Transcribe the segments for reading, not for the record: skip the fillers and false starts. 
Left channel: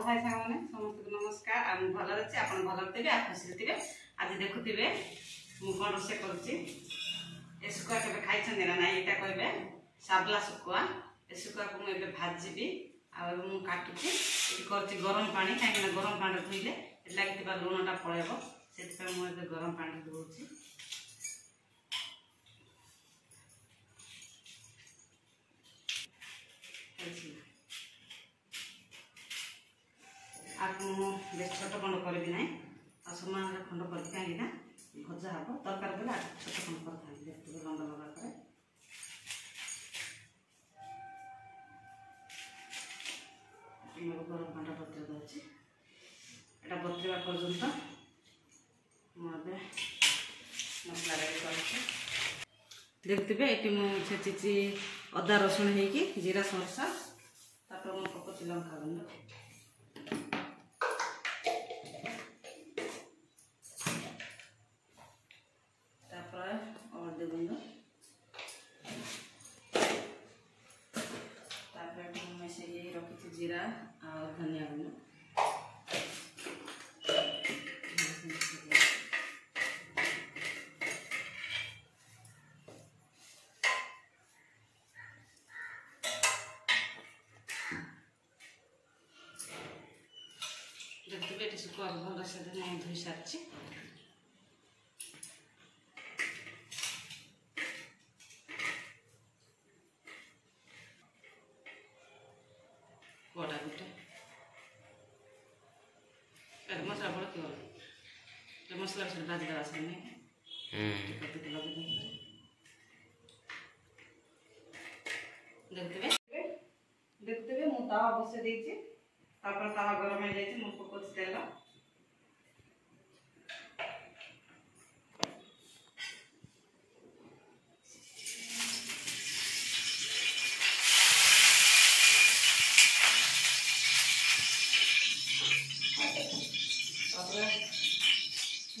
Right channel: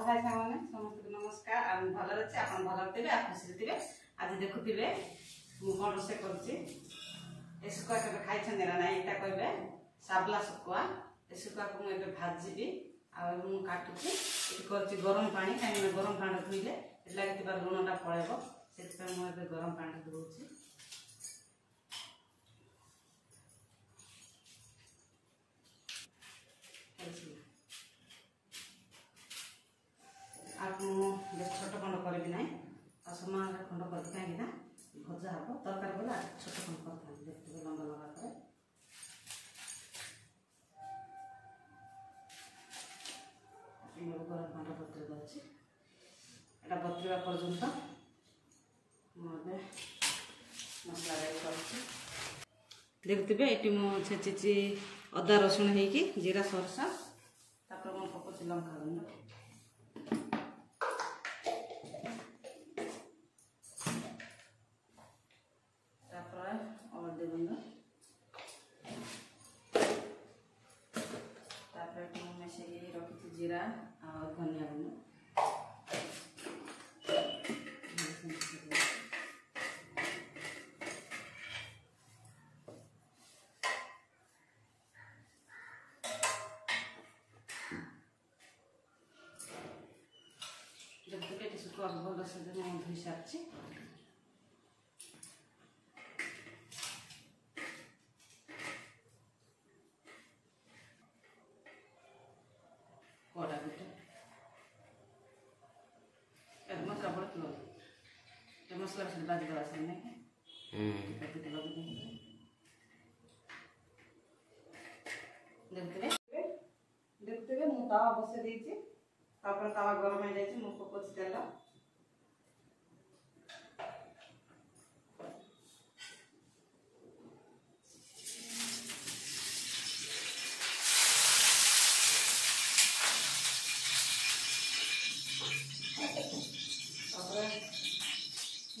Hello भाई साग मैंने समस्त नमस्कार। आम भल अच्छे आप भल थे आप खुशी थे। आज देखुवे मुझे कौन रोसे कर शुखुआ के खाई ना ना यहाँ कहे साबला शुखुआ। ए शुखुआ को मुझे भाजी काटुची कर गरम पानी कहीं गरम पानी धोइले लगे लुणटा पड़ेब से मुझे गरम पानी धोची। छोट खंड करी ना समान खंड कर कहीं भजा हम तरकार बेला छोट खंड कर देखते लंबा लंबा कर गरम पानी बतरी दूसरी एटा बतरवा पर्यंत मुझे मसला रेडी कर देखते ये मुझे छेची अदा रसुण हो जीरा सरसा तापर मुझे पकाची लंका गुंड हल्दी गुंड मिसाई रखी जीरा और धनिया गुंड देखते शुखुआ भल से धोई सारी कड़ा गुटे मसला बड़ा क्यों मसला बाजी देवा से देखते मुझे तावा बसई देती तावा गरम हो जाए मुझे पकाची तेल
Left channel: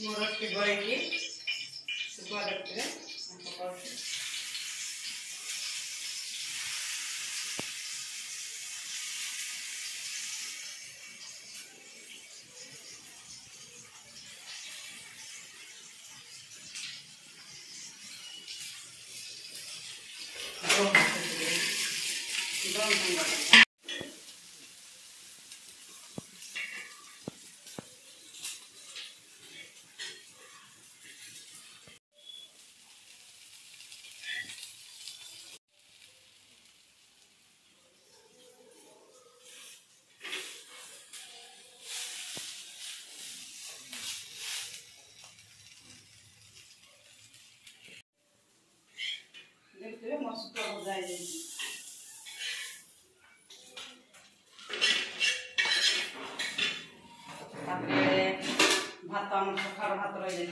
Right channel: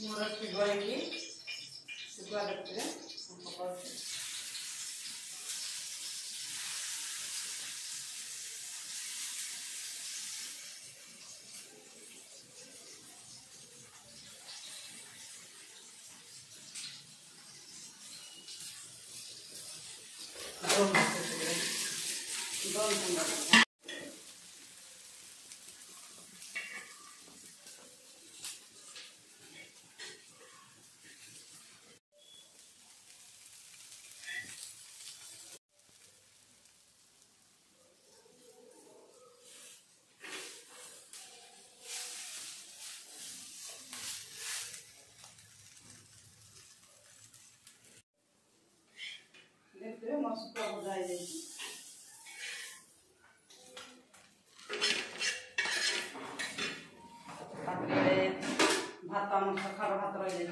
मोरस के गई शुखुआ देखते पकाची देखते मोर शुखुआ भजा भात आम सखार भात रही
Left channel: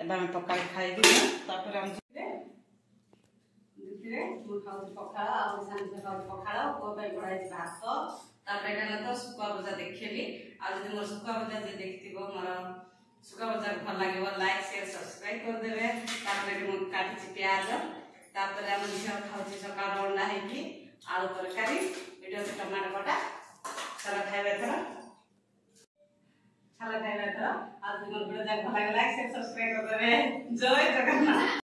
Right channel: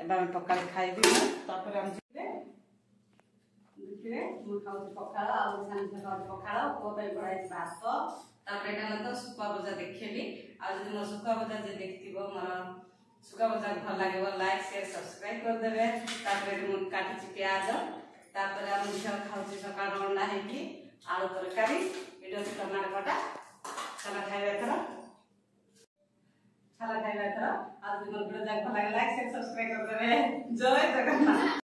जाए पका खाइबी तापर खाऊ पखाड़ आसान खाऊ पखाड़ पुआ पढ़ाई भात तापर तो शुखुआ भजा देखी आज मोर शुखुआ भजा जो देखी मोर शुखुआ भजा भल लगे लाइक शेयर सब्सक्राइब करदे तापर काटी प्याज तापर आम झील खाऊ सका अंडा है आलू तरकारी वीडियो से टमाटो कटा सारा खाइबा थर छाला खाइबा थर आज मोर वीडियो भल लगे लाइक शेयर सब्सक्राइब करदे। जय जगन्नाथ।